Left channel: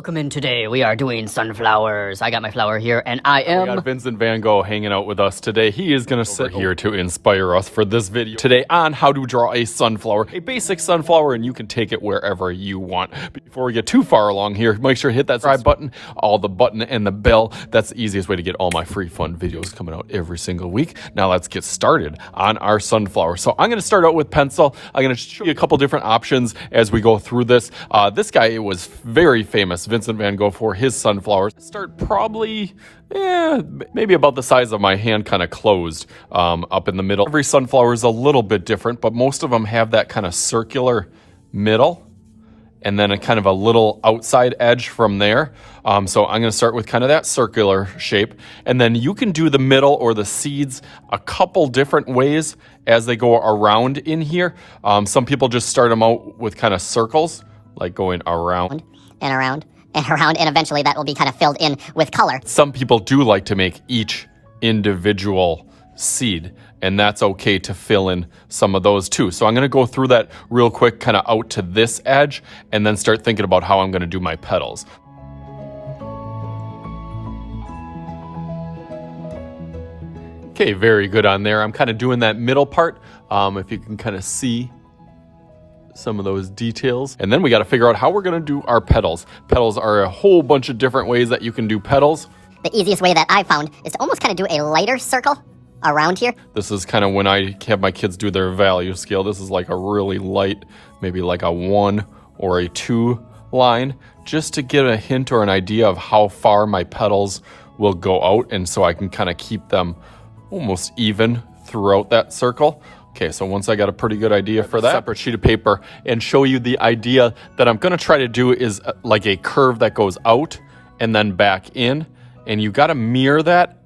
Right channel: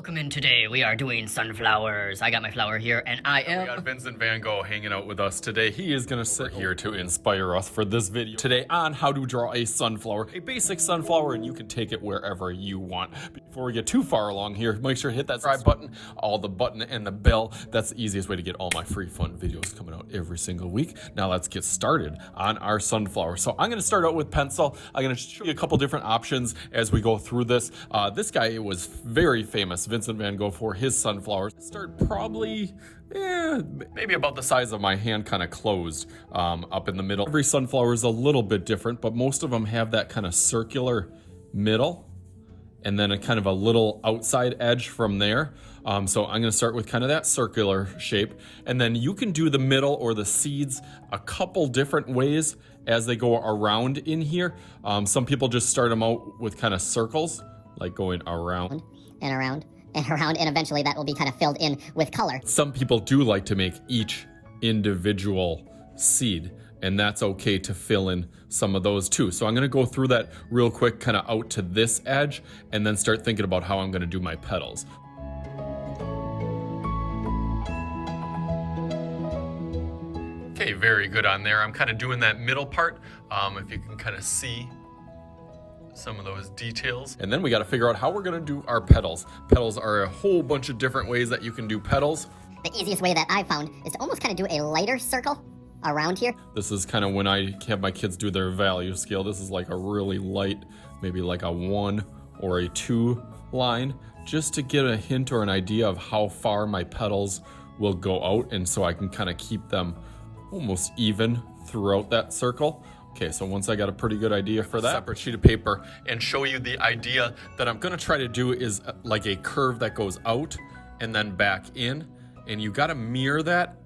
Welcome in today. We are doing sunflowers. I got my flower here, and I am... We got Vincent Van Gogh hanging out with us today. He is going to sit here to inspire us for this video today on how to draw a sunflower, a basic sunflower, and you can take it wherever you want. Before we get too far along here, make sure to hit that subscribe button, the button and the bell. That's the easiest way to get all my free fun videos coming out every single week. Now let's get started on our sunflower. So I'm going to start out with pencil. I'm going to show you a couple different options as we go through this. This guy was very famous, Vincent Van Gogh, for his sunflowers. Start probably, maybe about the size of my hand, kind of closed up in the middle. Every sunflower is a little bit different, but most of them have that kind of circular middle and then a kind of a little outside edge from there. So I'm going to start with kind of that circular shape, and then you can do the middle or the seeds a couple different ways as they go around in here. Some people just start them out with kind of circles, like going around and around and around, and eventually that will be kind of filled in with color. Some people do like to make each individual seed, and that's okay to fill in some of those too. So I'm going to go through that real quick, kind of out to this edge, and then start thinking about how I'm going to do my petals. Okay, very good on there. I'm kind of doing that middle part, if you can kind of see some of those details. And then we got to figure out how we're going to do our petals. Petals are a whole bunch of different ways that you can do petals. The easiest way that I found is to almost kind of do a lighter circle around here. This is kind of when I have my kids do their value scale. This is like a really light, maybe like a 1 or a 2 line, just to get a hint or an idea of how far my petals will go out, and so I can kind of keep them almost even throughout that circle. Okay, so once I got a pretty good idea for that, separate sheet of paper, and show you the idea that I'm going to try to do is like a curve that goes out and then back in, and you got to mirror that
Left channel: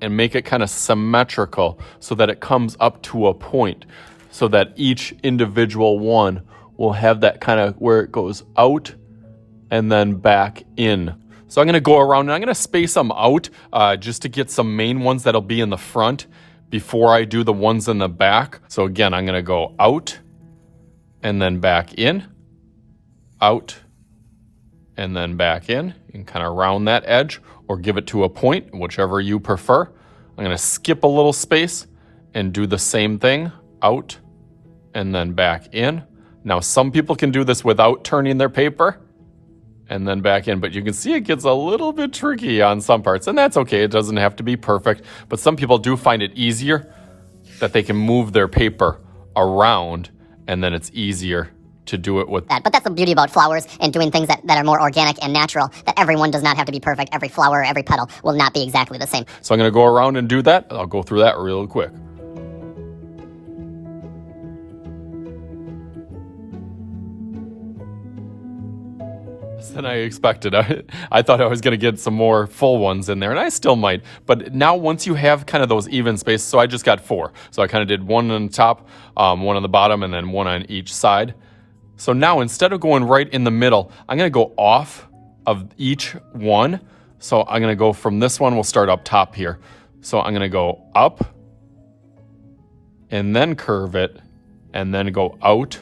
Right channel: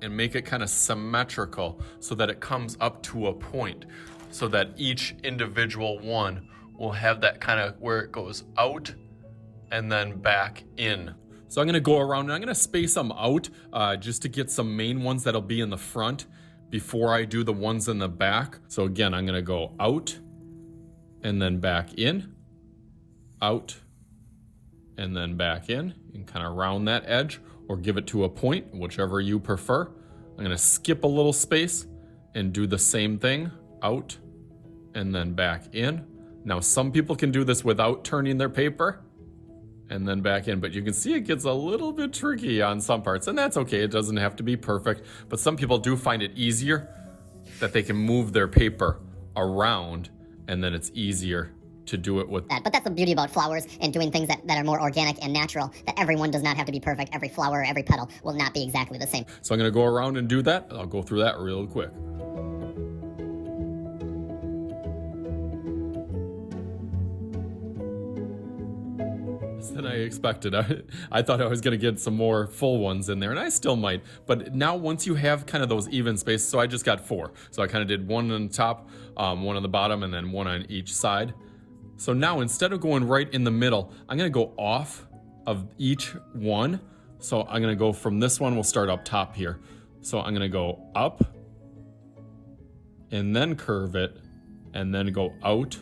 and make it kind of symmetrical so that it comes up to a point, so that each individual one will have that kind of where it goes out and then back in. So I'm going to go around and I'm going to space them out just to get some main ones that'll be in the front before I do the ones in the back. So again, I'm going to go out and then back in, out and then back in. You can kind of round that edge or give it to a point, whichever you prefer. I'm going to skip a little space and do the same thing, out and then back in. Now, some people can do this without turning their paper and then back in, but you can see it gets a little bit tricky on some parts, and that's okay. It doesn't have to be perfect, but some people do find it easier that they can move their paper around, and then it's easier to do it with that. But that's the beauty about flowers and doing things that are more organic and natural, that everyone does not have to be perfect. Every flower, every petal will not be exactly the same. So I'm going to go around and do that. I'll go through that real quick. Than I expected. I thought I was going to get some more full ones in there, and I still might. But now once you have kind of those even spaces, so I just got 4. So I kind of did one on the top, one on the bottom, and then one on each side. So now instead of going right in the middle, I'm going to go off of each one. So I'm going to go from this one, we'll start up top here. So I'm going to go up and then curve it and then go out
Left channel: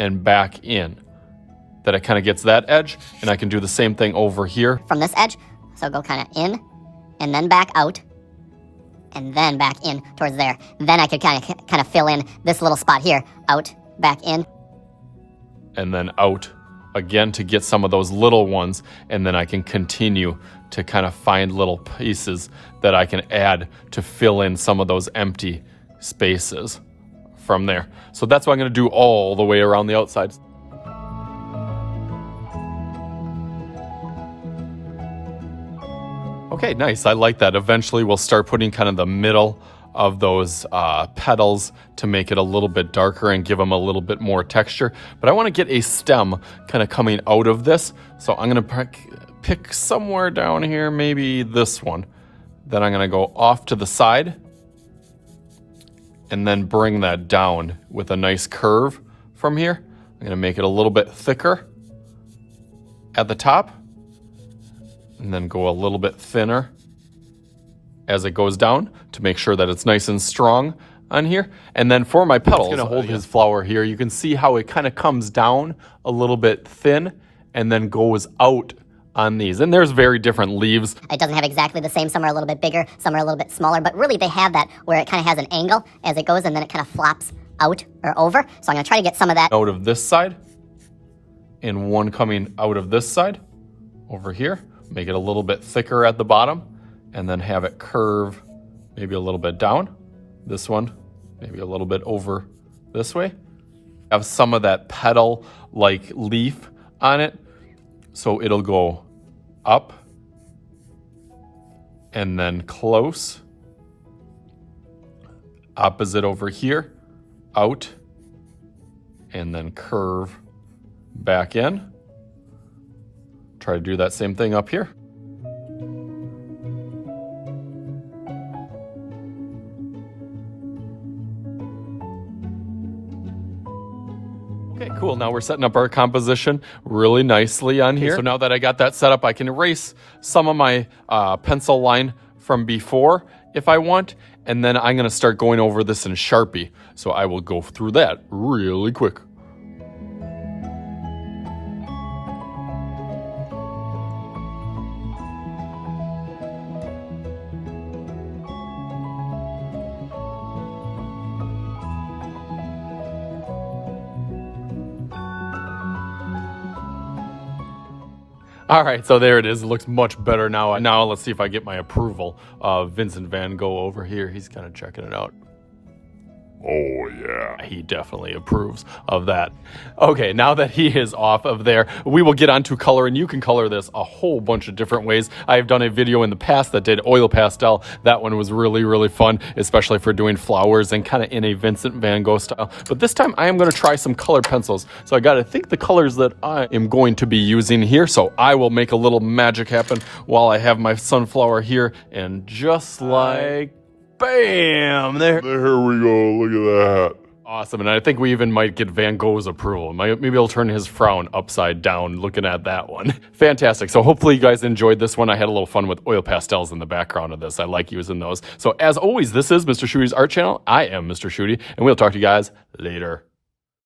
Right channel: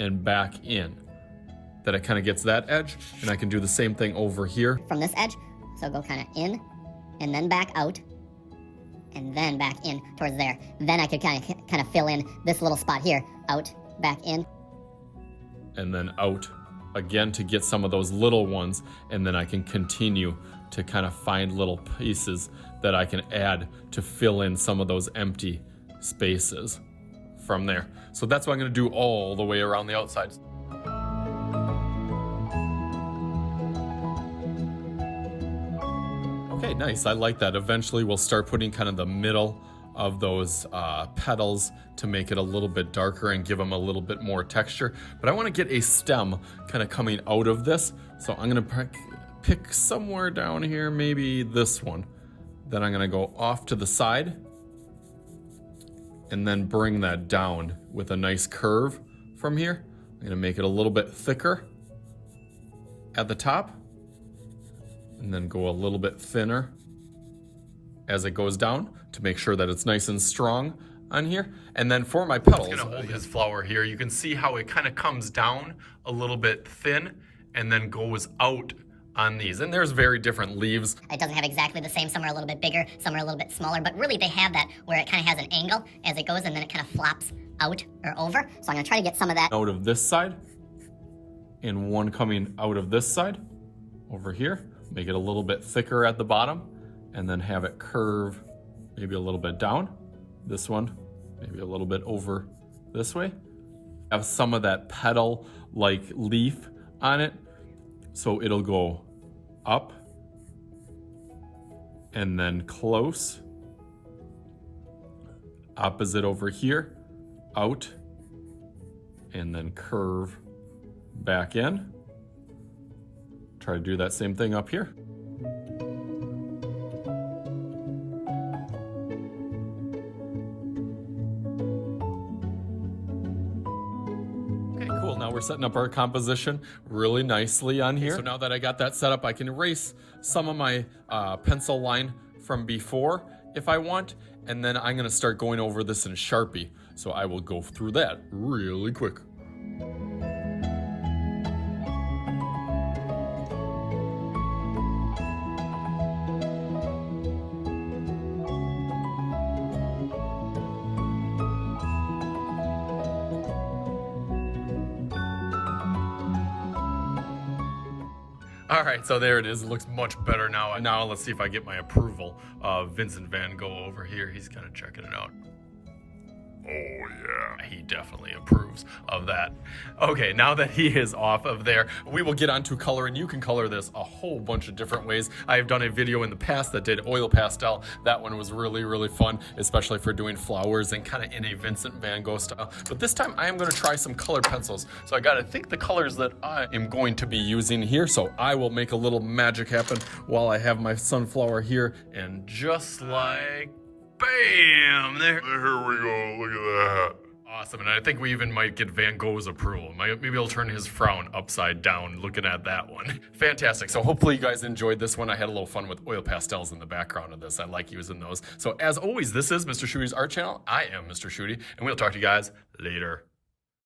and back in. That it kind of gets that edge, and I can do the same thing over here. From this edge, so go kind of in, and then back out, and then back in towards there. Then I could kind of fill in this little spot here, out, back in. And then out again to get some of those little ones, and then I can continue to kind of find little pieces that I can add to fill in some of those empty spaces from there. So that's what I'm going to do all the way around the outside. Okay, nice. I like that. Eventually, we'll start putting kind of the middle of those petals to make it a little bit darker and give them a little bit more texture. But I want to get a stem kind of coming out of this. So I'm going to pick somewhere down here, maybe this one. Then I'm going to go off to the side and then bring that down with a nice curve from here. I'm going to make it a little bit thicker at the top, and then go a little bit thinner as it goes down to make sure that it's nice and strong on here. And then for my petals, I'm going to hold his flower here. You can see how it kind of comes down a little bit thin and then goes out on these. And there's very different leaves. It doesn't have exactly the same. Some are a little bit bigger, some are a little bit smaller, but really they have that where it kind of has an angle as it goes and then it kind of flops out or over. So I'm gonna try to get some of that Out of this side and one coming out of this side over here. Make it a little bit thicker at the bottom and then have it curve maybe a little bit down. This one, maybe a little bit over this way. Have some of that petal like leaf on it. So it'll go up and then close. Opposite over here, out, and then curve back in. Try to do that same thing up here. Okay, cool. Now we're setting up our composition really nicely on here. So now that I got that set up, I can erase some of my pencil line from before if I want, and then I'm gonna start going over this in Sharpie. So I will go through that really quick. All right, so there it is. It looks much better now. Now let's see if I get my approval of Vincent Van Gogh over here. He's kind of checking it out. Oh yeah, he definitely approves of that. Okay, now that he is off of there, we will get on to color, and you can color this a whole bunch of different ways. I've done a video in the past that did oil pastel. That one was really, really fun, especially for doing flowers and kind of in a Vincent Van Gogh style. But this time I am gonna try some colored pencils. So I gotta think the colors that I am going to be using here. So I will make a little magic happen while I have my sunflower here, and just like bam, there we go, look at that. Awesome, and I think we even might get Van Gogh's approval. Maybe he'll turn his frown upside down looking at that one. Fantastic, so hopefully you guys enjoyed this one. I had a little fun with oil pastels in the background of this. I like using those. So as always, this is Mr. Shooty's Art Channel. I am Mr. Shooty, and we'll talk to you guys later.